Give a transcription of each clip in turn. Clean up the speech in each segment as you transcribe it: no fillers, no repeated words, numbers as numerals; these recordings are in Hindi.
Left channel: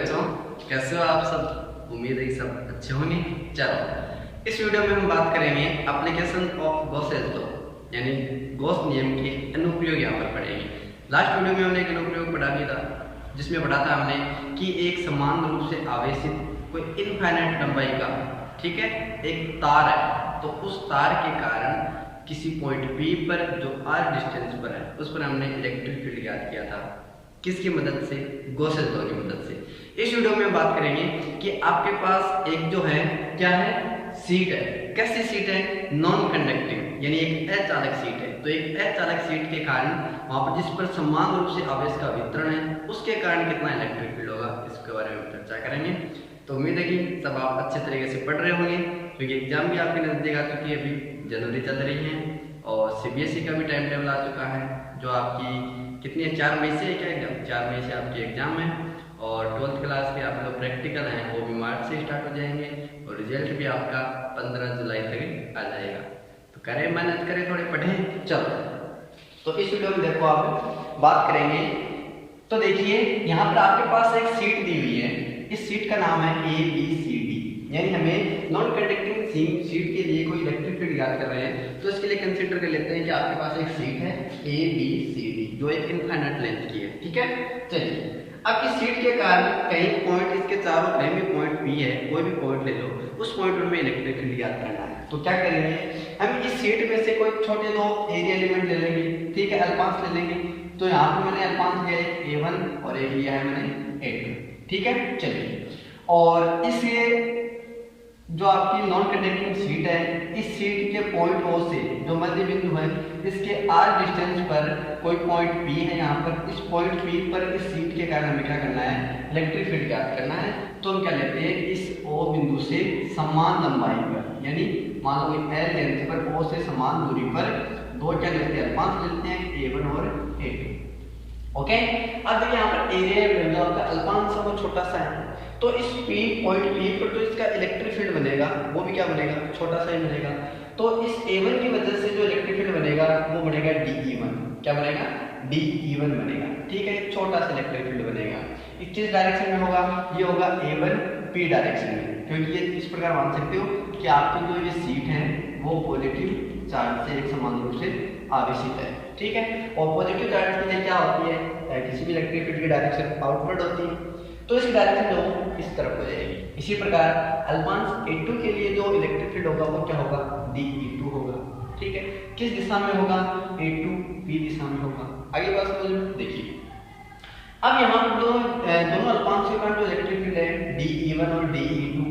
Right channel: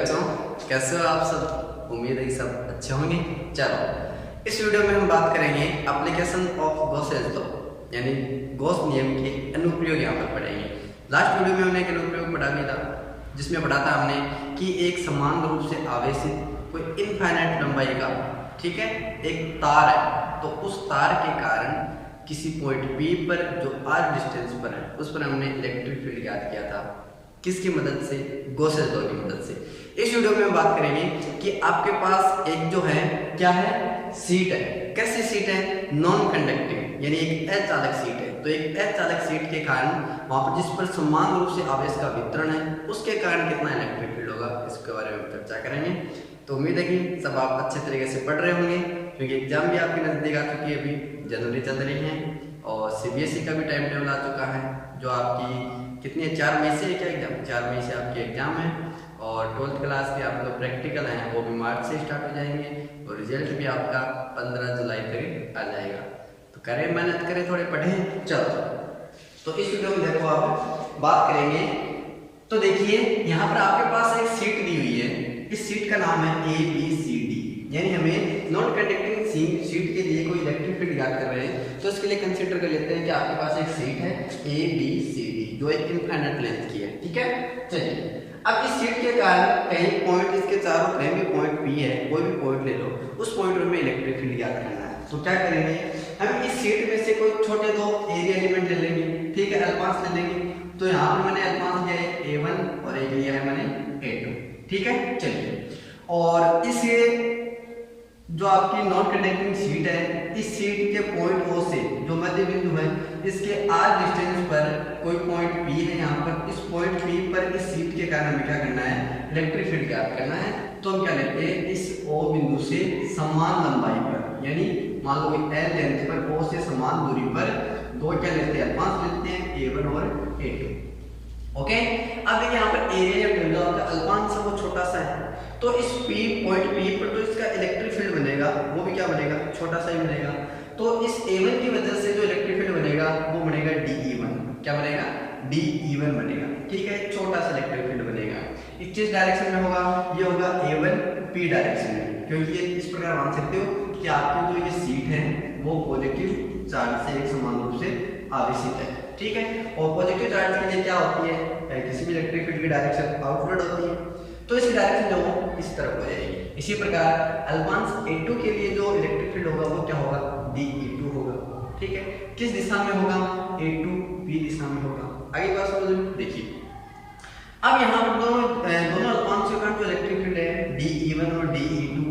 बच्चों, कैसे हो आप सब। उम्मीद है कि सब अच्छे होंगे। चलो इस वीडियो में हम बात करेंगे एप्लीकेशन ऑफ गॉसेस लॉ, यानी गॉस नियम के अनुप्रयोग यहाँ पर पढ़ेंगे। लास्ट वीडियो में हमने एक अनुप्रयोग पढ़ा भी था, जिसमें पढ़ा था हमने कि एक समान रूप से आवेशित कोई इनफाइनाइट लंबाई का, ठीक है, एक तार है, तो उस तार के कारण किसी पॉइंट P पर जो r डिस्टेंस पर है उस पर हमने इलेक्ट्रिक फील्ड ज्ञात किया था। किसकी मदद से? गॉसेस लॉ की मदद से। इस वीडियो में हम बात करेंगे कि आपके पास एक जो है क्या है, सीट है। कैसी सीट है? नॉन कंडक्टिंग, यानी एक अचालक सीट है। तो एक अचालक सीट के कारण वहां पर जिस पर समान रूप से आवेश का वितरण है उसके कारण कितना इलेक्ट्रिक फील्ड होगा, इसके बारे में हम चर्चा करेंगे। तो उम्मीद है कि सब आप अच्छे तरीके से पढ़ रहे होंगे, क्योंकि एग्जाम भी आपके नजदीक आ चुकी है, अभी जनवरी चल रही है और CBSE का भी टाइम टेबल आ चुका है, जो आपकी कितनी है, 4 मई से है क्या एग्जाम? 4 मई से आपकी एग्जाम है। और 12th क्लास के आप लोग प्रैक्टिकल हैं वो भी मार्च से स्टार्ट हो जाएंगे और रिजल्ट भी आपका 15 जुलाई तक आ जाएगा। तो करें मेहनत, करें, थोड़े पढ़ें। चलो तो इस वीडियो में देखो आप बात करेंगे। तो देखिए यहाँ पर आपके पास एक सीट दी हुई है। इस सीट का नाम है ABCD, यानी हमें नॉन कंडक्टिंग सीट के लिए कोई इलेक्ट्रिक फील्ड ज्ञात कर रहे हैं। तो इसके लिए कंसीडर कर लेते हैं कि आपके पास एक सीट है ABCD जो एक इनफाइनाइट लेंथ की है, ठीक है। चलिए अब इस सीट के कारण कहीं पॉइंट इसके चारों, कहीं भी पॉइंट P है, कोई भी पॉइंट ले लो, उस पॉइंट पर हमें इलेक्ट्रिक फील्ड ज्ञात करना है। तो क्या करेंगे, हम इस सीट में से कोई छोटे दो एरिया एलिमेंट ले लेंगे, ठीक है, अल्पांश ले लेंगे। तो यहाँ पे मैंने अल्पांश लिया है A1 और एक लिया है मैंने A2, ठीक है। चलिए और इसलिए जो आपकी नॉन कंडक्टिंग सीट है, इस सीट के पॉइंट O से जो मध्य बिंदु है, इसके r डिस्टेंस पर कोई पॉइंट P है यहाँ पर। इस पॉइंट P पर इस सीट के कारण हमें क्या करना है, इलेक्ट्रिक फील्ड ज्ञात करना है। तो हम क्या लेते हैं, इस O बिंदु से समान लंबाई पर, यानी मान लो L लेंथ पर O से समान दूरी पर दो क्या लेते हैं, अल्पांश लेते हैं A1 और A2, ओके। अब देखिए यहाँ पर एरिया मिलता होगा, अल्पांश है वो छोटा सा है, तो इस पॉइंट P पर तो इसका इलेक्ट्रिक फील्ड बनेगा, वो भी क्या बनेगा, छोटा सा ही बनेगा। तो इस A1 की वजह से जो इलेक्ट्रिक फील्ड बनेगा वो बनेगा DE1। क्या बनेगा? DE1 बनेगा, ठीक है, छोटा सा इलेक्ट्रिक फील्ड बनेगा। इस किस डायरेक्शन में होगा? ये होगा A1 P डायरेक्शन में, क्योंकि ये इस प्रकार मान सकते हो कि आपकी जो ये सीट है वो पॉजिटिव चार्ज से एक समान रूप से आवेशित है, ठीक है। और पॉजिटिव चार्ज के लिए क्या होती है, किसी भी इलेक्ट्रिक फील्ड की डायरेक्शन आउटवर्ड होती है, तो इस डायरेक्शन जो इस तरफ हो जाएगी। इसी प्रकार अल्पांश A2 के लिए जो इलेक्ट्रिक फील्ड होगा वो क्या होगा, DE2 होगा, ठीक है। किस दिशा में होगा? A2 P दिशा में होगा। आगे बात समझ में देखिए। अब यहाँ पर दोनों अल्पांश के कारण जो इलेक्ट्रिक फील्ड है DE1 और DE2,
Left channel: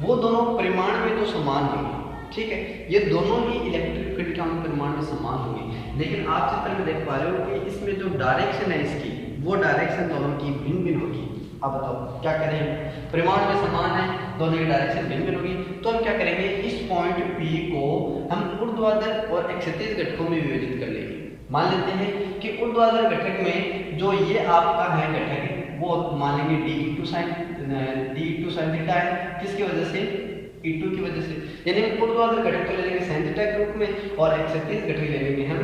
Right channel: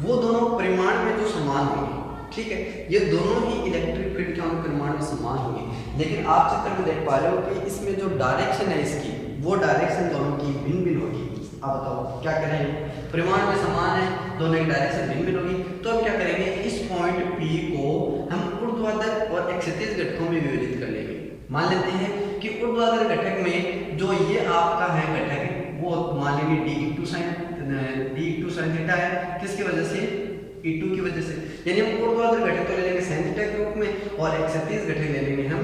वो दोनों परिमाण में तो समान होंगे, ठीक है। ये दोनों ही इलेक्ट्रिक फील्ड के परिमाण में समान होंगे, लेकिन आप चित्र में देख पा रहे हो कि इसमें जो डायरेक्शन है इसकी, वो डायरेक्शन दोनों की भिन्न भिन्न होगी। अब बताओ क्या करेंगे, परिमाण में समान है, दोनों की डायरेक्शन भिन्न भिन्न होगी, तो हम क्या करेंगे, इस पॉइंट P को हम ऊर्ध्वाधर और क्षैतिज घटकों में विभाजित कर लेंगे। मान लेते हैं कि ऊर्ध्वाधर घटक में जो ये आपका है घटक, वो मान लेंगे DE2 sin थीटा है। किसकी वजह से? E2 की वजह से, यानी हम ऊर्ध्वाधर घटक ले लेंगे sin थीटा के रूप में और क्षैतिज घटक ले लेंगे हम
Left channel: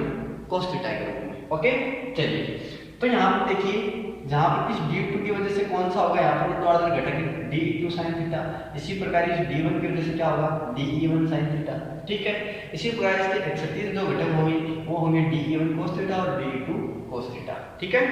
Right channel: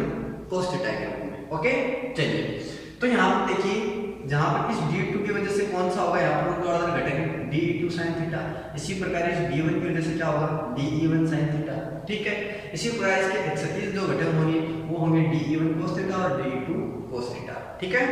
cos थीटा के रूप में, ओके। चलिए तो यहाँ पर देखिए, जहाँ पर इस D2 की वजह से कौन सा होगा, यहाँ पर ऊर्ध्वाधर घटक DE2 sin थीटा। इसी प्रकार इस D1 की वजह से क्या होगा, DE1 sin थीटा, ठीक है। इसी प्रकार इसके क्षैतिज जो घटक होंगे वो होंगे DE1 cos थीटा और DE2 cos थीटा, ठीक है।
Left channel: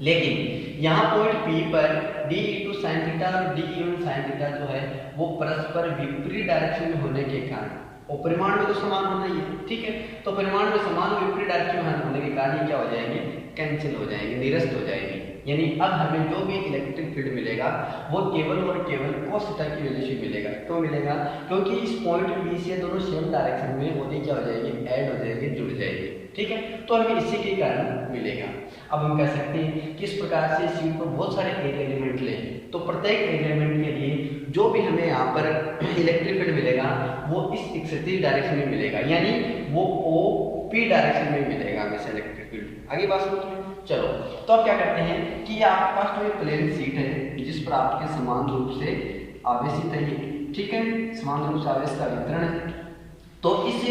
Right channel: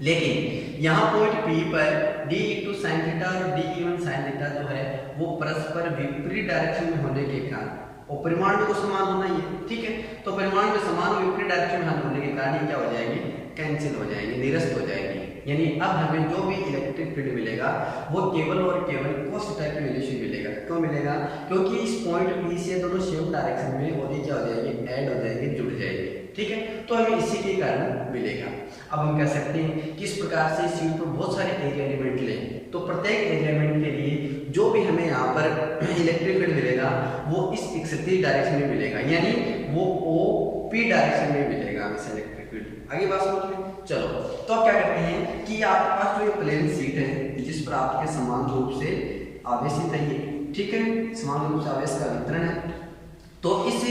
लेकिन यहाँ पॉइंट P पर DE2 sin थीटा और DE1 sin थीटा जो है वो परस्पर विपरीत डायरेक्शन में होने के कारण, और परिमाण में तो समान होना ही है, ठीक है। तो परिमाण में समान विपरीत डायरेक्शन में होने के कारण ये क्या हो जाएंगे, कैंसिल हो जाएंगे, निरस्त हो जाएंगे। यानी अब हमें जो भी इलेक्ट्रिक फील्ड मिलेगा वो केवल और केवल cos थीटा की वजह से मिलेगा। क्यों मिलेगा? क्योंकि इस पॉइंट P से दोनों सेम डायरेक्शन में वो क्या हो जाएंगे, ऐड हो जाएंगे, जुड़ जाएंगे, ठीक है। तो हमें इसी के कारण मिलेगा। अब हम कह सकते हैं कि इस प्रकार से सीट पर बहुत सारे एरिया एलिमेंट लें, तो प्रत्येक एलिमेंट के लिए जो भी हमें यहाँ पर इलेक्ट्रिक फील्ड मिलेगा वो इस क्षैतिज डायरेक्शन में मिलेगा, यानी वो OP डायरेक्शन में मिलेगा हमें इलेक्ट्रिक फील्ड। आगे बात समझ में। चलो तो अब क्या करते हैं कि आपके पास जो प्लेन सीट है जिस पर आपके समान रूप से आवेशित है, ठीक है, समान रूप से आवेश का वितरण है, तो इस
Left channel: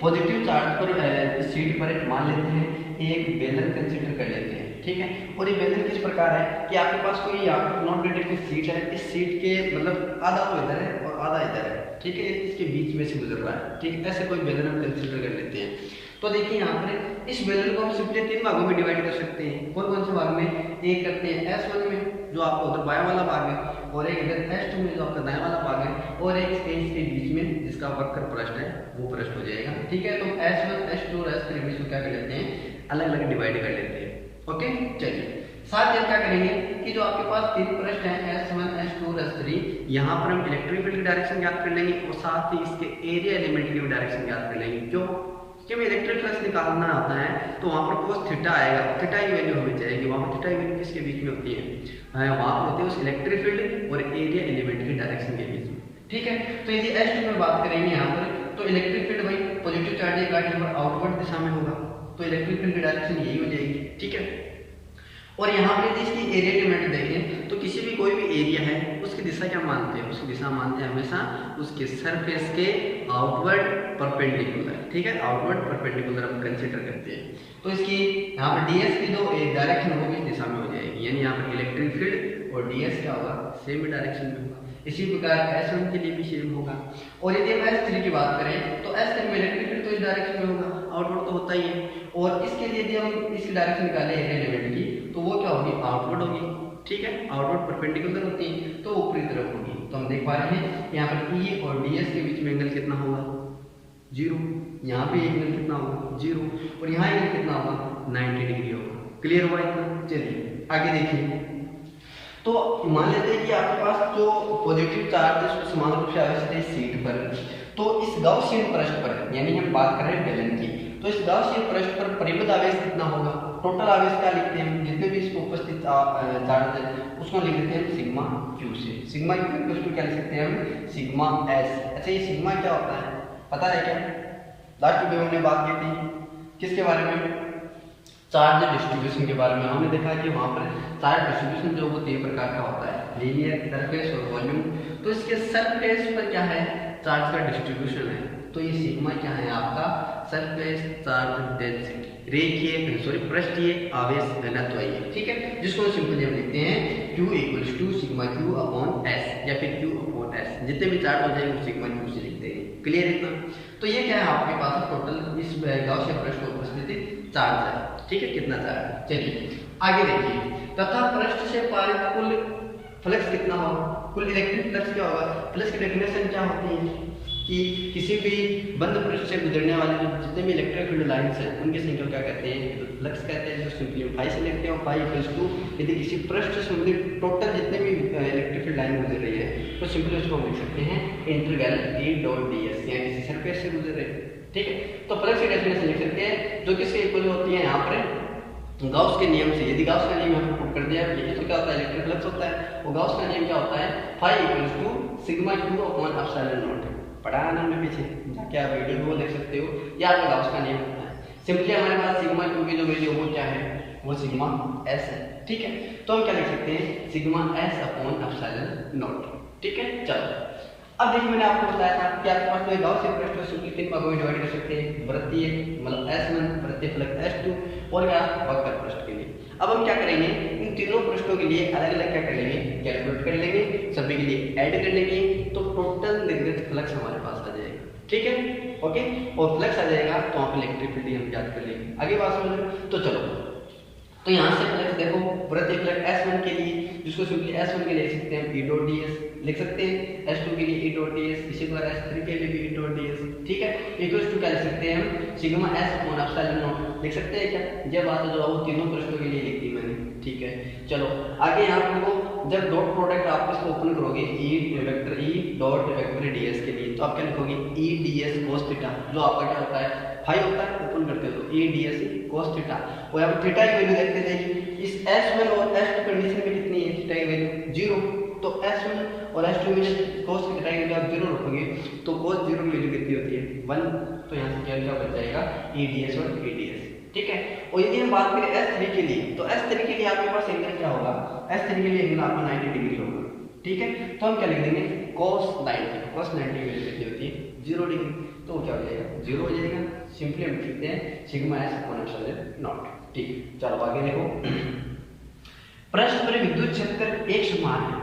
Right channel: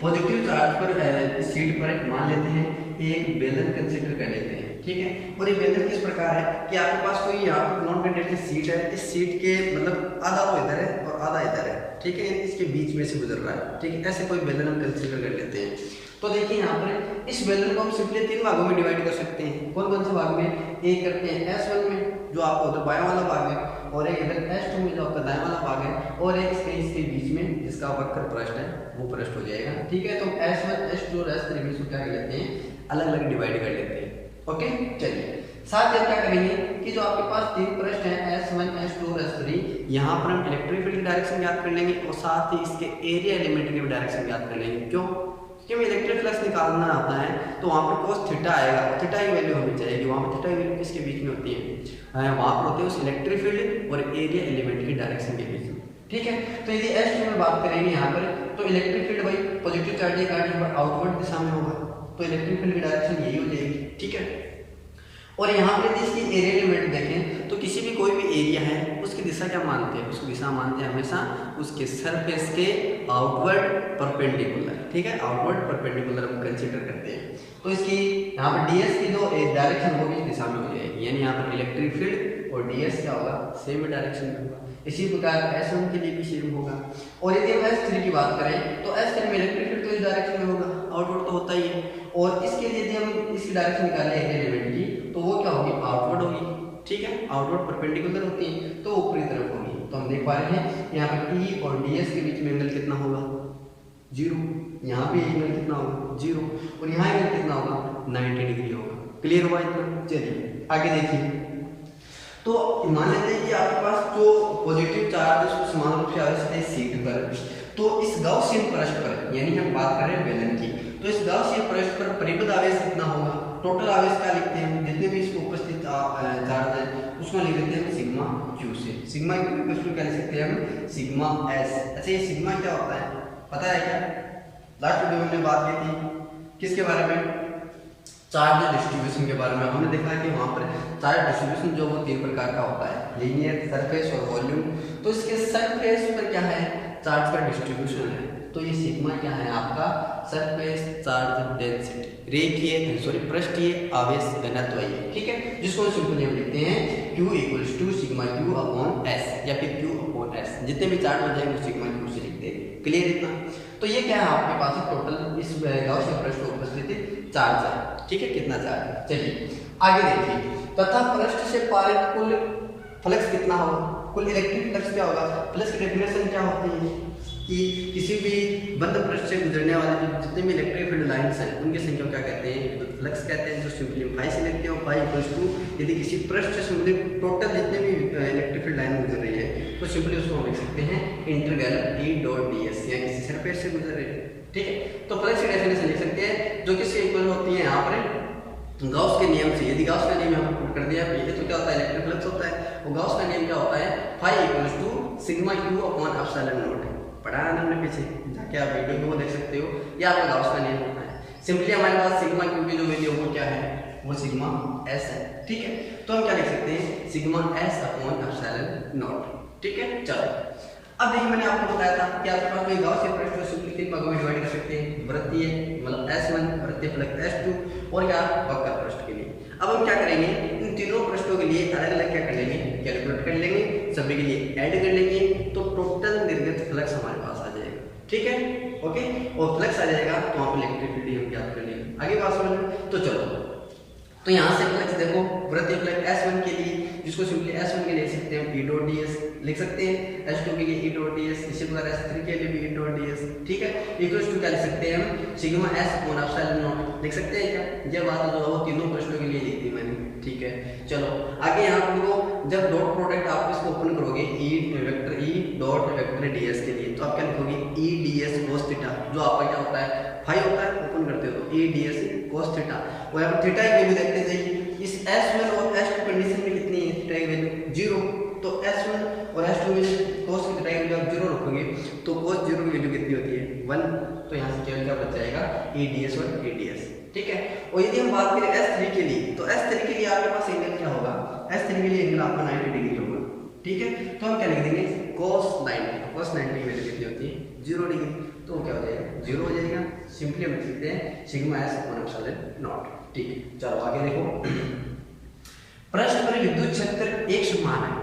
पॉजिटिव चार्ज पर इस शीट पर मान लेते हैं एक बेलन कंसीडर कर लेते हैं, ठीक है। और ये बेलन किस प्रकार है कि आपके पास कोई यहाँ पर नॉन कंडक्टिव सीट है, इस सीट के मतलब आधा वो इधर है और आधा इधर है, ठीक है, यानी इसके बीच में से गुजर रहा है, ठीक है। ऐसे कोई बेलन हम कंसीडर कर लेते हैं। तो देखिए यहाँ पर इस बेलन को हम सिंपली 3 भागों में डिवाइड कर सकते हैं। कौन कौन से भाग में? एक करते हैं S1 में जो आपका उधर बायां वाला भाग है, और एक इधर S2 में जो आपका दायां वाला भाग है, और एक इसके बीच में जिसका वक्र पृष्ठ है वो पृष्ठ हो जाएगा, ठीक है। तो S1 S2 और S3 में इसको क्या कर लेते हैं, अलग अलग डिवाइड कर लेते हैं, ओके। चलिए साथ ही हम क्या करेंगे कि जो आपके पास 3 पृष्ठ हैं S1 S2 और S3, यहाँ पर हम इलेक्ट्रिक फील्ड की डायरेक्शन ज्ञात कर लेंगे और साथ ही इसके एरिया एलिमेंट की भी डायरेक्शन ज्ञात कर लेंगे। क्यों? क्योंकि इलेक्ट्रिक फ्लक्स निकालना होता है तो वहाँ पर cos थीटा आएगा, और थीटा की वैल्यू हमें चाहिए, वहाँ पर थीटा की वैल्यू किसके बीच में होती है, वहाँ पर होती है उस इलेक्ट्रिक फील्ड और एरिया एलिमेंट की डायरेक्शन के बीच में, ठीक है। तो यदि S2 में बात करेंगे यहाँ पर, तो इलेक्ट्रिक फील्ड भाई पॉजिटिव चार्ज का यहाँ पर आउटवर्ड दिशा में होगा, तो इलेक्ट्रिक फील्ड की डायरेक्शन यही हो जाएगी, ठीक है। और यहाँ पर यदि इसकी एरिया एलिमेंट देखें तो किसी भी कोई भी एरिया है उसकी दिशा क्या मानते हैं, उसकी दिशा मानते हैं हमेशा उसके सरफेस के आउटवर्ड परपेंडिकुलर, ठीक है। आउटवर्ड परपेंडिकुलर हम कंसीडर करते हैं। तो इसकी यहाँ पर ds की जो डायरेक्शन वो भी इस दिशा में हो जाएगी, यानी यहाँ पर इलेक्ट्रिक फील्ड और ds क्या होगा, सेम डायरेक्शन में होगा। इसी प्रकार S1 के लिए भी सेम होगा। और यदि हम S3 की बात करें तो S3 में इलेक्ट्रिक फील्ड तो इस डायरेक्शन में होगा, आउटवर्ड तो होता ही है। और इसके लिए यदि हम इसकी डायरेक्शन निकालें एरिया एलिमेंट की, तो वो क्या होगी, आउटवर्ड होगी, ठीक है। आउटवर्ड परपेंडिकुलर होती है तो ऊपरी तरफ होगी। तो हम देख पा रहे हैं यहाँ पर E और ds के बीच में एंगल कितना होगा, 0। यहाँ पे एंगल कितना होगा, 0, और यहाँ एंगल कितना होगा, 90 डिग्री होगा। क्लियर हुआ इतना? चलिए आगे देखिए। तो मान लेते हैं कि आपके पास जो पॉजिटिव चार्ज समान रूप से आवेशित है सीट पर, तो इस गाउसियन पृष्ठ पर, यानी हम बात कर रहे हैं बेलन की, तो इस गाउसियन पृष्ठ पर परिबद्ध आवेश कितना होगा, टोटल आवेश क्या लिखते हैं, जितने भी इसको उपस्थित चार्ज है उसको लिख देते हैं सिग्मा क्यू से। सिग्मा क्यू को क्या लिख सकते हैं हम, सिग्मा एस। अच्छा, ये सिग्मा क्या होता है पता है क्या? लास्ट वीडियो में हमने बात की थी किसके बारे में, चार्ज डिस्ट्रीब्यूशन के बारे में। हमने देखा है कि वहाँ पर चार्ज डिस्ट्रीब्यूशन जो वो 3 प्रकार का होता है, लीनियर, सरफेस और वॉल्यूम। तो इसके सरफेस पर क्या है, चार्ज का डिस्ट्रीब्यूशन है। तो ये सिग्मा क्या है आपका, सरफेस चार्ज डेंसिटी, रेखीय पृष्ठीय आवेश घनत्व है, ठीक है। जिसको सिंपली हम लिखते हैं Q equals to sigma Q upon S, या फिर Q अपॉन S। जितने भी चार्ज हो जाएंगे सिग्मा Q से लिख देंगे। क्लियर इतना? तो ये क्या है आपके पास टोटल इस गाउसियन पृष्ठ पर उपस्थित चार्ज है, ठीक है। कितना चार्ज है, चलिए आगे देखिए। तथा पृष्ठ से पारित कुल फ्लक्स कितना होगा, कुल इलेक्ट्रिक फ्लक्स क्या होगा। फ्लक्स की डेफिनेशन क्या होती है कि किसी भी बंद पृष्ठ से गुजरने वाले जितने भी इलेक्ट्रिक फील्ड लाइन्स हैं उनकी संख्या क्या कहते हैं, तो फ्लक्स कहते हैं। जो सिंपली फाई से लिखते हैं, फाई इक्वल्स टू यदि किसी पृष्ठ से संबंधित टोटल जितने भी इलेक्ट्रिक फील्ड लाइन गुजर रही है तो सिंपली उसको हम लिख सकते हैं इंटीग्रल E डॉट ds, या किसी सरफेस से गुजर रही है, ठीक है। तो फ्लक्स की डेफिनेशन लिख सकते हैं जो किससे इक्वल होती है यहाँ पर गाउस के नियम से। यदि गाउस का नियम यहाँ पर पुट कर दिया ये तो क्या होता है, इलेक्ट्रिक फ्लक्स होता है। और गाउस का नियम क्या होता है, phi equals to sigma Q upon epsilon nought. पढ़ा है ना हमने पीछे, जाके आप वीडियो में देख सकते हो। ये आपका गाउस का नियम होता है। सिंपली हमारे पास सिग्मा Q की जो वैल्यू वो क्या है, वो सिग्मा S है, ठीक है। तो हम क्या लिख सकते हैं, sigma S upon epsilon naught, ठीक है। चलो अब देखिए मैंने आपको बताया था कि आपके पास कोई गाउसियन पृष्ठ को सिंपली 3 भागों में डिवाइड कर सकते हैं, वृत्तीय मतलब S1, वृत्तीय फलक S2 और क्या वक्र पृष्ठ के लिए। अब हम क्या करेंगे, इन तीनों पृष्ठों के लिए अलग अलग क्या कर लेंगे, कैलकुलेट कर लेंगे, सभी के लिए ऐड कर लेंगे, तो टोटल निर्गत फ्लक्स हमारे पास आ जाएगा, ठीक है, ओके। और फ्लक्स आ जाएगा तो वहाँ पर इलेक्ट्रिक फील्ड हम ज्ञात कर लेंगे। आगे बात समझ में, तो चलो तो यहाँ से फ्लक्स देखो, वृत्तीय फलक S1 के लिए जिसको सिंपली S1 के लिए लिख सकते हैं E डॉट ds लिख सकते हैं, S2 के लिए E डॉट ds, इसी प्रकार S3 के लिए भी E डॉट ds, ठीक है। इक्वल्स टू क्या लिख सकते हैं हम, sigma S upon epsilon not लिख सकते हैं क्या। ये बात जो है वो तीनों पृष्ठों के लिए लिख दी मैंने, ठीक है। चलो आगे यहाँ पर वो जब डॉट प्रोडक्ट आप इसको ओपन करोगे vector E dot vector ds के लिए, तो आप क्या लिखोगे E ds cos थीटा, जो आपका क्या होता है फाई होता है, ओपन करते हो तो E ds cos थीटा। और यहाँ पर थीटा की वैल्यू देखते जाइए, इस S1 और S2 कंडीशन में कितनी है थीटा की वैल्यू 0। तो S1 और S2 में जब cos की थीटा की वैल्यू आप 0 रखोगे तो cos 0 की वैल्यू कितनी होती है 1। तो यहाँ से क्या बच जाएगा E ds और E ds, ठीक है। और यदि हम बात करें S3 के लिए, तो S3 के लिए आपके पास एंगल क्या होगा, S3 के लिए एंगल आपका 90 डिग्री होगा, ठीक है। तो हम क्या लिख देंगे cos 90, cos 90 की वैल्यू कितनी होती है 0 डिग्री। तो वो क्या हो जाएगा, 0 हो जाएगा। सिंपली हम लिखते हैं sigma S upon epsilon naught. ठीक है, चलो आगे देखो। पृष्ठ पर विद्युत क्षेत्र एक समान है,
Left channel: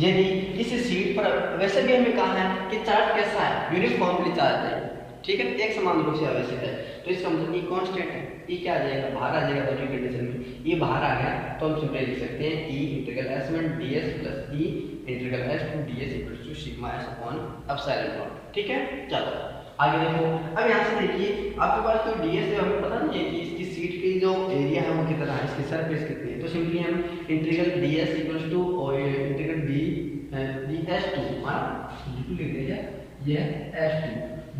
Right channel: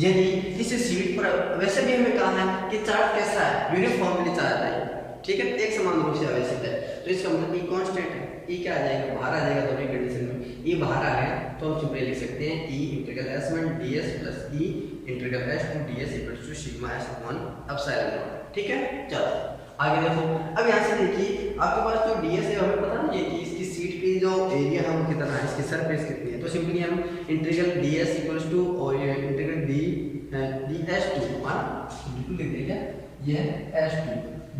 यदि इस शीट पर, वैसे भी हमें कहा है कि चार्ज कैसा है, यूनिफॉर्मली चार्ज है, ठीक है, एक समान रूप से आवेशित है, तो इसका मतलब ई कांस्टेंट है। ई क्या आ जाएगा, बाहर आ जाएगा दोनों कंडीशन में। ई बाहर आ गया तो हम सिंपली लिख सकते हैं E integral S1 ds plus E integral S2 ds equal to sigma S upon epsilon naught. ठीक है, चलो आगे देखो। अब यहाँ से देखिए आपके पास जो ds है हमें पता नहीं है कि इसकी सीट की जो एरिया है वो कितना है, इसकी सरफेस कितनी है, तो सिंपली हम integral ds equal to integral ds2 बिल्कुल लिख दीजिए, ये S2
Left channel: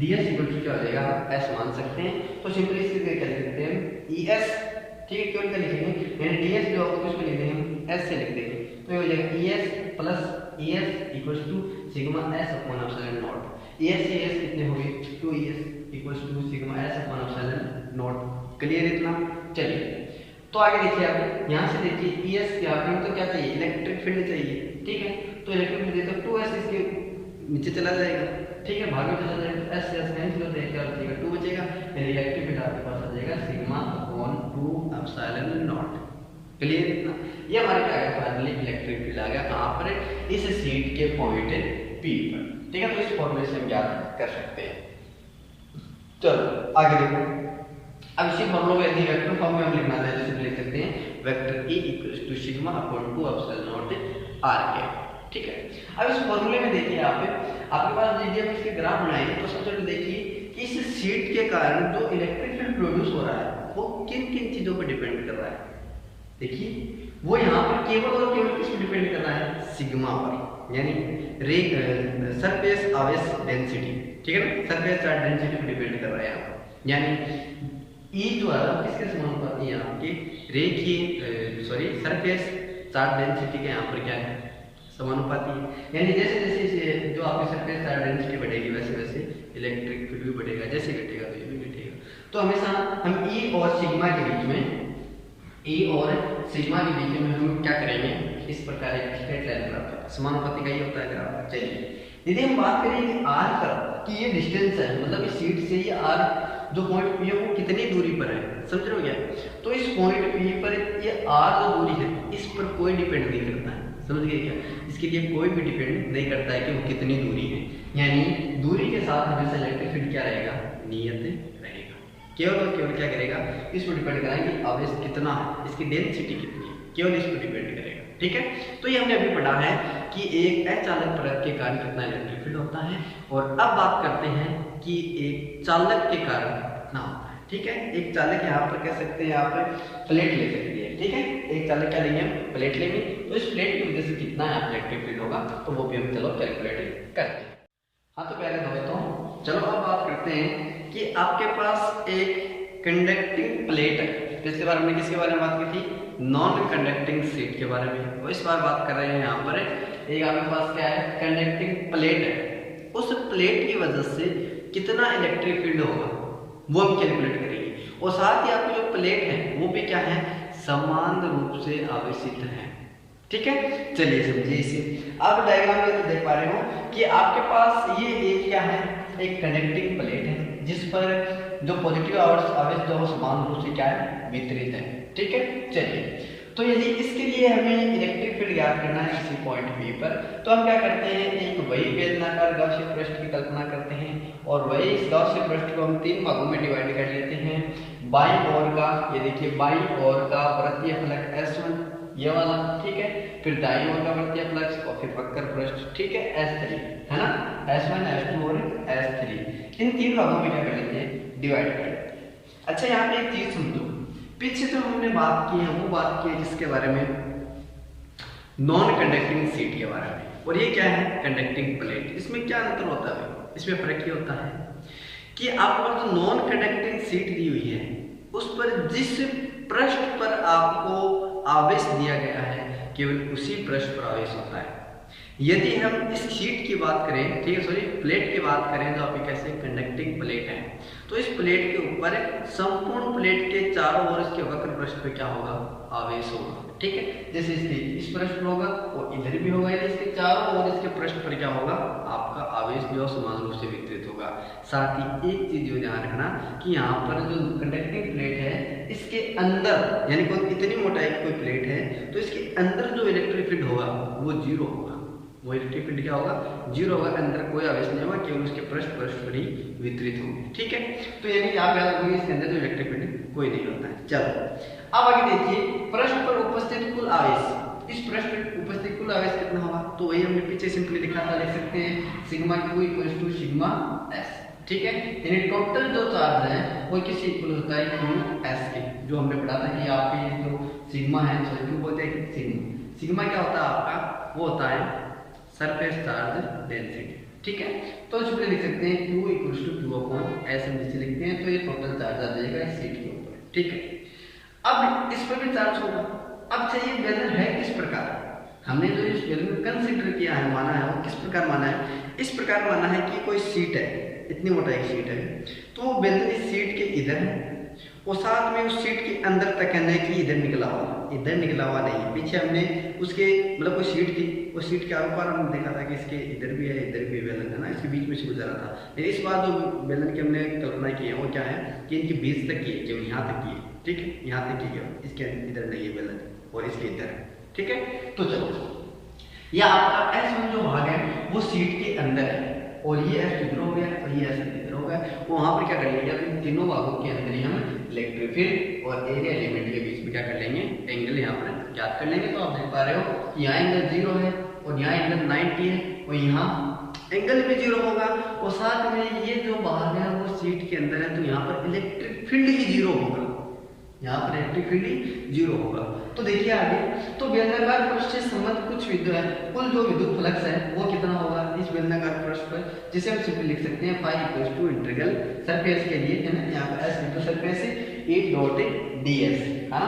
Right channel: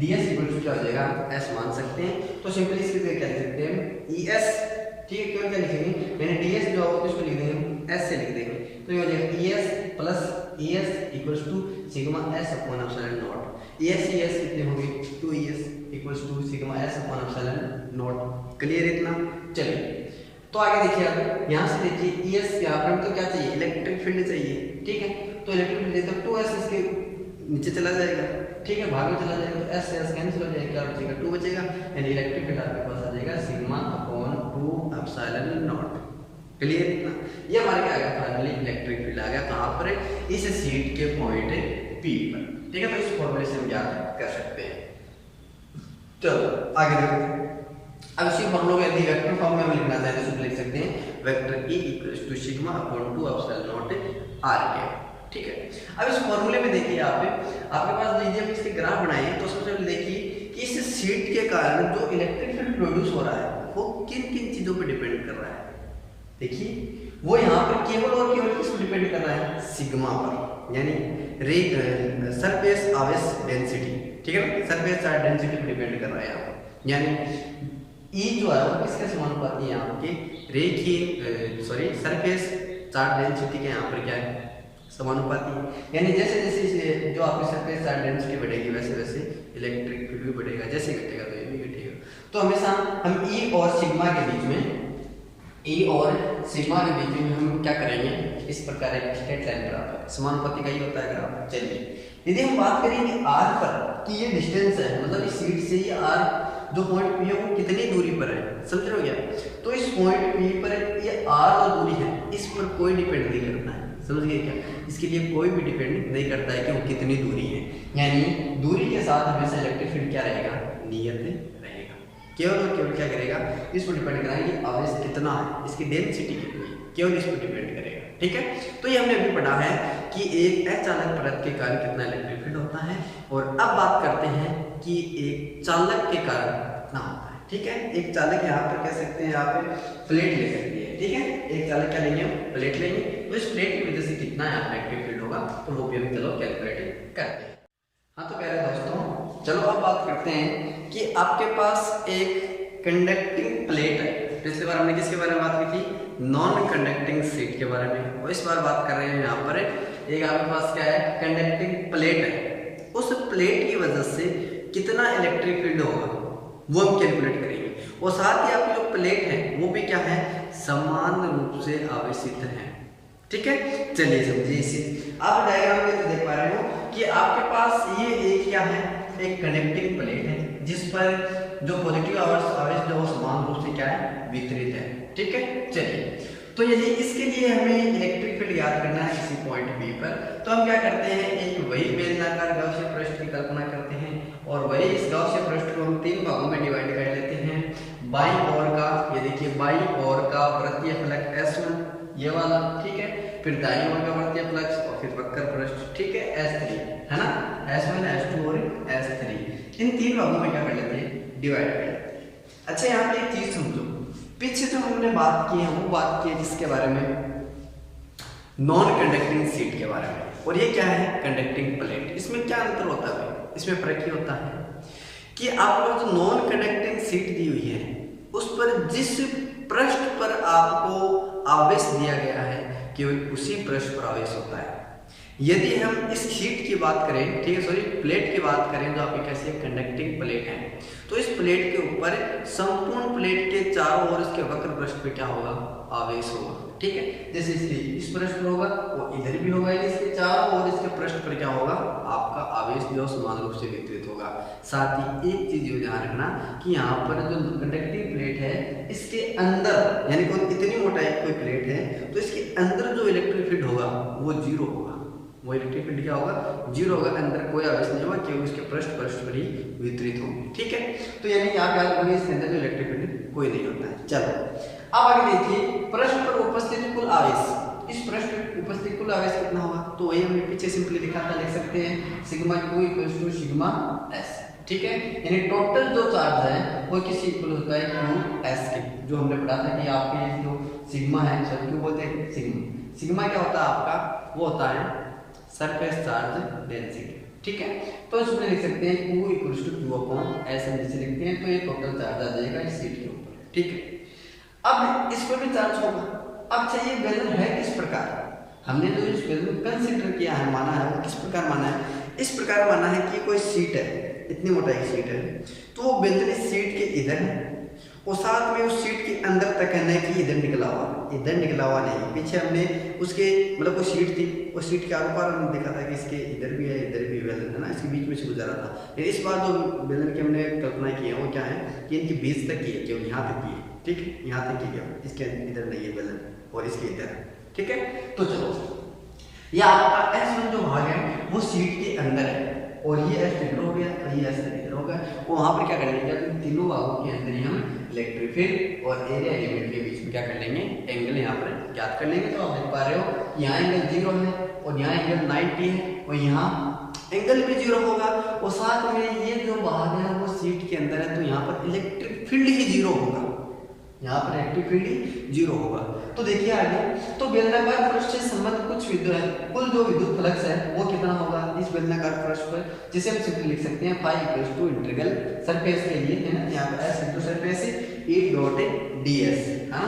ds इक्वल टू क्या हो जाएगा, s मान सकते हैं। तो सिंपली इसके लिए क्या लिख सकते हैं, es। ठीक है, क्यों क्या लिखेंगे, यानी ds जो होगा किसको लिख देंगे, s से लिख देंगे, तो ये हो जाएगा es plus es equals to sigma s upon epsilon nought. es कितने होगी, 2es equals to sigma s upon epsilon nought. Clear इतना, चलिए तो आगे देखिए। अब यहाँ से देखिए es यहाँ पर तो क्या चाहिए, इलेक्ट्रिक फील्ड चाहिए। ठीक है, तो इलेक्ट्रिक फील्ड तो 2s इसके नीचे चला जाएगा, ठीक है, भाग में चला जाएगा, तो s से s कैंसिल हो जाएगा, क्या बचेगा, 2 बचेगा, यानी इलेक्ट्रिक फील्ड आपके पास आ जाएगा sigma upon 2 epsilon nought. Clear इतना, ये हमारे क्या आ गया, फाइनली इलेक्ट्रिक फील्ड आ गया कहाँ पर, इस सीट के पॉइंट P पर। ठीक है, तो इस फॉर्मूले से हम ज्ञात कर सकते हैं। चलो आगे देखो। अब इसी फॉर्मूले को यदि वेक्टर फॉर्म में हम लिखना चाहें तो लिख सकते हैं vector E equals to sigma upon 2 epsilon nought r के। ठीक है, अब इस फॉर्मूले में देखिए आपके पास यदि हम इसके ग्राफ बनाएं तो सबसे पहले देखिए कि इस सीट के कारण जो इलेक्ट्रिक फील्ड प्रोड्यूस हो रहा है वो किन किन चीजों पर डिपेंड कर रहा है। देखिए वो यहाँ पर केवल और केवल किस पर डिपेंड कर रहा है, सिग्मा पर, यानी सरफेस आवेश डेंसिटी। ठीक है ना, सरफेस चार्ज डेंसिटी पर डिपेंड कर रहा है यहाँ पर, यानी E जो है वो किसके समानुपाती है, आपके रेखीय सरफेस चार्ज डेंसिटी के यहाँ पर क्या है, समानुपाती है। यानी जैसे जैसे जो आपकी सरफेस चार्ज डेंसिटी बढ़ेगी वैसे वैसे इलेक्ट्रिक फील्ड भी बढ़ेगा, जैसे घटेगा तो ये भी घटेगा। तो हमेशा हम E और सिग्मा के बीच में हम क्या करेंगे, इस प्रकार एक स्ट्रेट लाइन ग्राफ, समानुपाती का ही होता है ग्राफ। चलिए यदि हम बात करेंगे R पर कि ये डिस्टेंस है, मतलब इस सीट से ये R जो पॉइंट P है वो कितनी दूरी पर है, समझ रहे हो क्या, तो इस पॉइंट P पर ये R जो दूरी है इस पर कोई डिपेंड नहीं करता है, समझ गए क्या, इसके लिए कोई भी डिपेंड नहीं करता है कि वो कितनी दूरी है, यानी दूरी के साथ हमेशा इलेक्ट्रिक फील्ड क्या रहेगा, नियत रहेगा। केवल और केवल क्या करेगा, इस पर डिपेंड कराएंगे आवेश कितना है, इसकी डेंसिटी कितनी है, केवल इस पर डिपेंड करेगा। ठीक है, तो ये हमने अभी पढ़ा है कि एक अचालक परत के कारण कितना इलेक्ट्रिक फील्ड होता है, और अब बात करते हैं कि एक चालक के कारण कितना होता है। ठीक है, एक चालक यहाँ पर कह सकते हैं आप प्लेट ले सकते हैं। ठीक है, एक चालक क्या लेंगे, प्लेट लेंगे, तो इस प्लेट की वजह से कितना यहाँ पर इलेक्ट्रिक फील्ड होगा, तो वो भी हम चलो कैलकुलेट करते हैं। हाँ तो प्यारे दोस्तों, चलो अब बात करते हैं कि आपके पास एक कंडक्टिंग प्लेट है। पिछली बार हमने किसके बारे में बात की थी, नॉन कंडक्टिंग शीट के बारे में, और इस बार बात कर रहे हैं यहाँ पर एक आपके पास क्या है, कंडक्टिंग प्लेट है। उस प्लेट की वजह से कितना इलेक्ट्रिक फील्ड होगा वो हम कैलकुलेट करेंगे, और साथ ही आपकी जो प्लेट है वो भी क्या है, समान रूप से आवेशित है। ठीक है, चलिए समझिए इसे। आप डायग्राम में देख पा रहे हो कि आपके पास ये एक क्या है, एक कंडक्टिंग प्लेट है जिस पर जो पॉजिटिव आवेश जो समान रूप से क्या है, वितरित है। ठीक है, चलिए तो यदि इसके लिए हमें इलेक्ट्रिक फील्ड याद करना है किसी पॉइंट P पर, तो हम क्या करते हैं, एक वही बेलनाकार गाउसीय पृष्ठ की कल्पना करते हैं, और वही इस गाउसीय पृष्ठ को हम 3 भागों में डिवाइड कर लेते हैं। बाईं ओर का, ये देखिए बाईं ओर का वृत्तीय फलक S1 ये वाला, ठीक है, फिर दाईं ओर का वृत्तीय फलक और फिर वक्र पृष्ठ, ठीक है, S3 है ना, S1 S2 और S3, इन 3 भागों में क्या कर लेते हैं, डिवाइड कर लेते हैं। अच्छा यहाँ पे एक चीज समझो, पीछे जो हमने बात की है वो बात की है जिसके बारे में, नॉन कंडक्टिंग शीट के बारे में, और ये क्या है, कंडक्टिंग प्लेट। इसमें क्या अंतर होता है, इसमें फर्क ये होता है कि आपको जो नॉन कंडक्टिंग शीट दी हुई है उस पर जिस पृष्ठ पर आपको आवेश दिया गया है केवल उसी पृष्ठ पर आवेश होता है, यदि हम इस शीट की बात करें, ठीक है, सॉरी प्लेट की बात करें, जो आपकी कैसे कंडक्टिंग प्लेट है, तो इस प्लेट के ऊपर संपूर्ण प्लेट के चारों ओर इसके वक्र पृष्ठ पे क्या होगा, आवेश होगा, ठीक है। जैसे इसके इस पृष्ठ पर होगा वो इधर भी होगा, इसके चारों ओर इसके पृष्ठ पर क्या होगा, आपका आवेश जो समान रूप से वितरित होगा। साथ ही एक चीज जो ध्यान रखना कि यहाँ पर जो कंडक्टिंग प्लेट है इसके अंदर, यानी कोई इतनी मोटाई कोई प्लेट है तो इसके अंदर जो इलेक्ट्रिक फील्ड होगा वो जीरो होगा, वो इलेक्ट्रिक फील्ड क्या होगा, जीरो होगा, अंदर कोई आवेश नहीं होगा, केवल उसके पृष्ठ पर ही वितरित होगी, ठीक है। तो यानी आप याद रखोगे इसके अंदर जो इलेक्ट्रिक फील्ड कोई नहीं होता है। चलो अब आगे देखिए, पृष्ठ पर उपस्थित कुल आवेश, इस पृष्ठ पर उपस्थित कुल आवेश कितना होगा, तो वही हमने पीछे सिंपली लिखा था, लिख सकते हैं sigma Q equals to sigma S, ठीक है। यानी टोटल जो चार्ज है वो किसी इक्वल होता है क्यू एस के, जो हमने पढ़ा था कि आपके ये जो सिग्मा है, सॉरी क्यू बोलते हैं सिग्मा, सिग्मा क्या होता है आपका, वो होता है सरफेस चार्ज डेंसिटी, ठीक है। तो इसमें लिख सकते हैं Q equals to Q upon S, हम जिसे लिखते हैं तो ये टोटल चार्ज आ जाएगा इस शीट के ऊपर, ठीक है। अब इस पर भी चार्ज होगा। अब चाहिए बेलन है किस प्रकार, हमने जो इस बेलन कंसीडर किया है, माना है, वो किस प्रकार माना है, इस प्रकार माना है कि कोई शीट है, इतनी मोटाई शीट है, तो वो बेलन इस शीट के इधर है और साथ में उस सीट के अंदर तक है, नहीं कि इधर निकला हुआ नहीं है। पीछे हमने उसके मतलब कोई सीट थी, उस सीट के आर पार हमने देखा था कि इसके इधर भी है, इधर भी बेलन है ना, इसके बीच में से गुजरा था। लेकिन इस बार जो बेलन की हमने कल्पना की है वो क्या है कि इनके बीच तक की है, केवल यहाँ तक की है, ठीक है, यहाँ तक की केवल, इसके इधर नहीं है बेलन और इसके इधर है, ठीक है। तो चलो ये आपका S1 जो भाग है वो सीट के अंदर है और ये S इधर हो गया और ये S इधर हो गया, वहाँ पर क्या कर लेंगे, अब इन तीनों भागों के अंदर ही हम इलेक्ट्रिक फील्ड और एरिया एलिमेंट के बीच में क्या कर लेंगे, एंगल यहाँ पर ज्ञात कर लेंगे। तो आप देख पा रहे हो कि यहाँ एंगल 0 है और यहाँ एंगल 90 है और यहाँ एंगल भी 0 होगा और साथ में ये जो भाग है वो सीट के अंदर है, तो यहाँ पर इलेक्ट्रिक फील्ड ही 0 होगा, यहाँ पर इलेक्ट्रिक फील्ड ही 0 होगा। तो देखिए आगे, तो बेलनाकार पृष्ठ से संबंध कुछ विद्युत है, कुल जो विद्युत फ्लक्स है वो कितना होगा इस बेलनाकार पृष्ठ पर, जिसे हम सिंपली लिख सकते हैं phi equals to integral surface के लिए है ना, यहाँ पर S into surface E dot DS, है ना,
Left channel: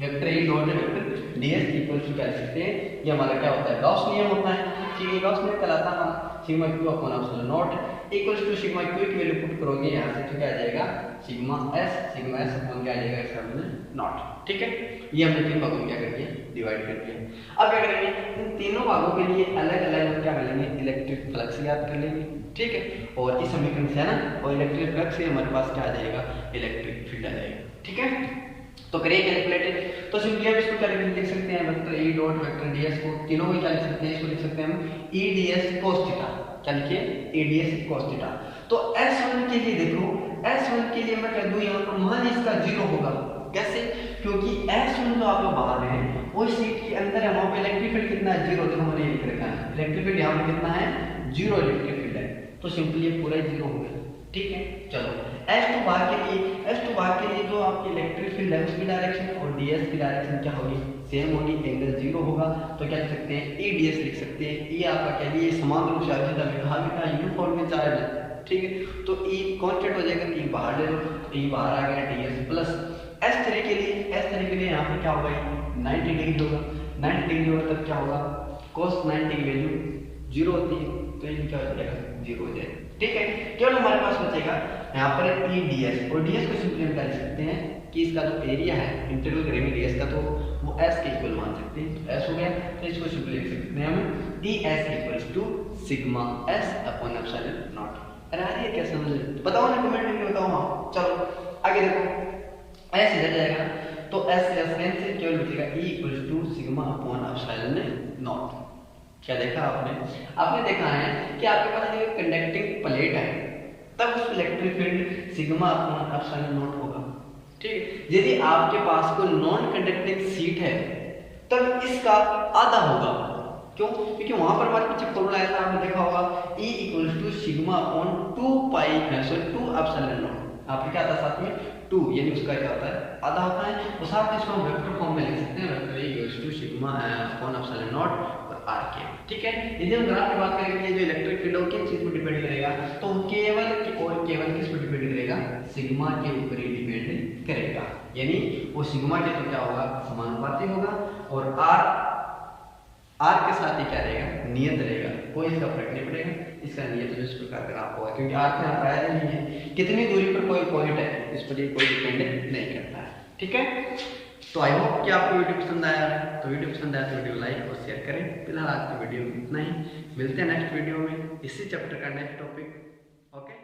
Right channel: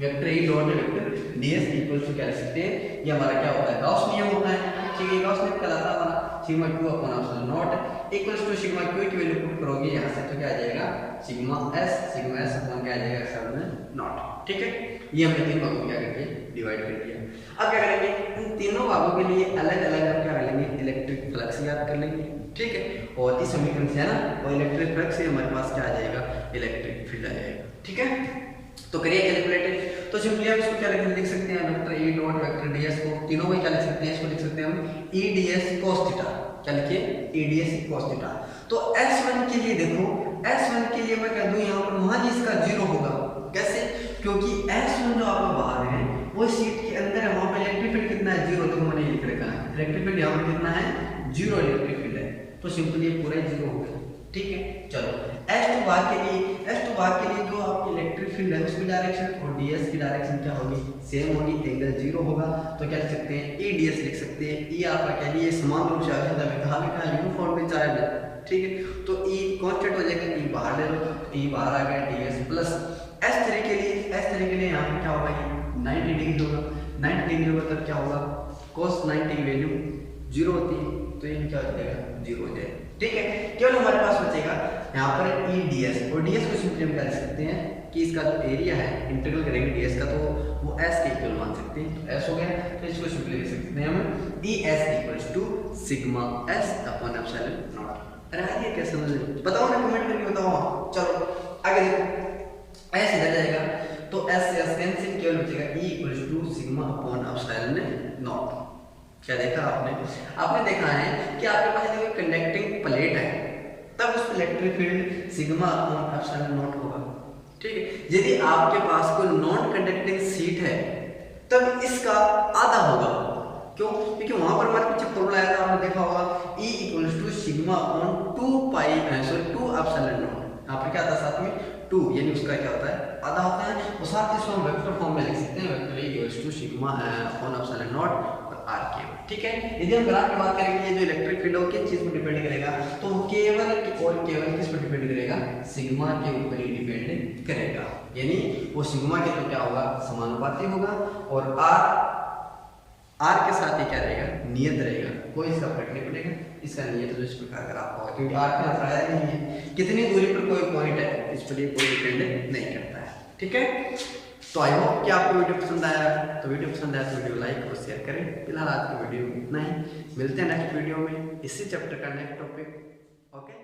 vector E dot vector DS equals to क्या लिख सकते हैं, ये हमारा क्या होता है, गॉस नियम होता है, ठीक है। गॉस नियम कहलाता है sigma Q upon epsilon nought equals to sigma Q की वैल्यू पुट करोगे यहाँ से तो क्या आ जाएगा सिग्मा एस अपॉन क्या आ जाएगा एप्सिलॉन नॉट, ठीक है। ये हमने तीन भागों में क्या कर दिया, डिवाइड कर दिया। अब क्या करेंगे, इन तीनों भागों के लिए अलग अलग हम क्या कर लेंगे, इलेक्ट्रिक फ्लक्स याद कर लेंगे, ठीक है। और इस समीकरण से है ना, और इलेक्ट्रिक फ्लक्स से हमारे पास क्या आ जाएगा, इलेक्ट्रिक फील्ड आ जाएगा, ठीक है। तो करिए कैलकुलेटेड, तो सिंपली हम इसको क्या लिख सकते हैं, vector E dot vector DS को तीनों को क्या लिख सकते हैं, इसको लिख सकते हैं हम ई डीएस cos थीटा, क्या लिखिए ई डीएस cos थीटा। तो S1 के लिए देखो, S1 के लिए मैं कह दूं यहाँ पर मान इसका 0 होगा, कैसे, क्योंकि S1 जो आप बाहर है वो सीट के अंदर है, वहाँ पे इलेक्ट्रिक फील्ड कितना है 0, तो मैंने लिख रखा है इलेक्ट्रिक फील्ड यहाँ पर कितना है 0 इलेक्ट्रिक फील्ड है, तो सिंपली पूरा 0 हो गया, ठीक है। चलो S2 भाग के लिए जो आपकी इलेक्ट्रिक फील्ड है उसकी डायरेक्शन और ds की डायरेक्शन क्या होगी, सेम होगी, एंगल 0 होगा, तो क्या लिख सकते हैं e ds लिख सकते हैं। e आपका क्या लिए समान रूप से आवेश है, कहा भी कहा यूनिफॉर्म में चार्ज है, ठीक है। तो e कांस्टेंट हो जाएगा, e बाहर ले लो, e बाहर आ गया ds प्लस S3 के लिए यहाँ पर क्या होगा 90 डिग्री होगा, 90 डिग्री होगा तब क्या होगा cos 90 की वैल्यू 0 होती है, तो ये क्या हो जाएगा 0 हो जाएगा, ठीक है। केवल हमारे पास बचेगा यहाँ पर ई ds, और ds को सिंपली हम क्या लिख सकते हैं कि इसका जो एरिया है इंटीग्रल करेंगे ds का तो वो s के इक्वल मान सकते हैं, तो s हो गया, तो इसको सिंपली लिख सकते हैं हम ds equals to sigma s upon epsilon nought. अरे यार ये कैसे समझ, बताओ ना कमेंट करके बताओ। चलो आगे देखो, s इधर जाएगा तो s से s कैंसिल, केवल बचेगा e equals to sigma upon epsilon nought. क्या देखा आपने देखा है कि आपके पास यदि कंडक्टिंग प्लेट है तब उस electric field sigma upon epsilon not होगा, ठीक है। यदि आपके पास कोई नॉन कंडक्टिंग सीट है तब इसका आधा होगा, क्यों, क्योंकि वहां पर हमारे पीछे फॉर्मूला आया था, आपने देखा होगा E equals to sigma upon 2 epsilon nought, यहाँ पर क्या आता है साथ में 2, यानी उसका क्या होता है आधा होता है, और साथ ही इसको हम वेक्टर फॉर्म में लिख सकते हैं, vector E equals to sigma upon epsilon nought R के, ठीक है। यदि हम ग्राफ की बात करेंगे जो इलेक्ट्रिक फील्ड है किन चीज पर डिपेंड करेगा, तो केवल किस पर डिपेंड करेगा, सिग्मा के ऊपर ही डिपेंड करेगा, यानी वो सिग्मा के तो क्या होगा समानुपाती होगा और आर आर के साथ ही क्या रहेगा, नियत रहेगा, कोई इसका फर्क नहीं पड़ेगा, इसका नियत तो इस प्रकार का आपको होगा, क्योंकि आर के यहाँ आया ही नहीं है, कितनी दूरी पर कोई पॉइंट है इस पर ये कोई डिपेंड नहीं करता है। ठीक है, तो आई होप कि आपको वीडियो पसंद आया है। तो वीडियो पसंद आया तो वीडियो लाइक और शेयर करें। फिलहाल आज की वीडियो में इतना ही, मिलते हैं नेक्स्ट वीडियो में इसी चैप्टर का नेक्स्ट टॉपिक। ओके।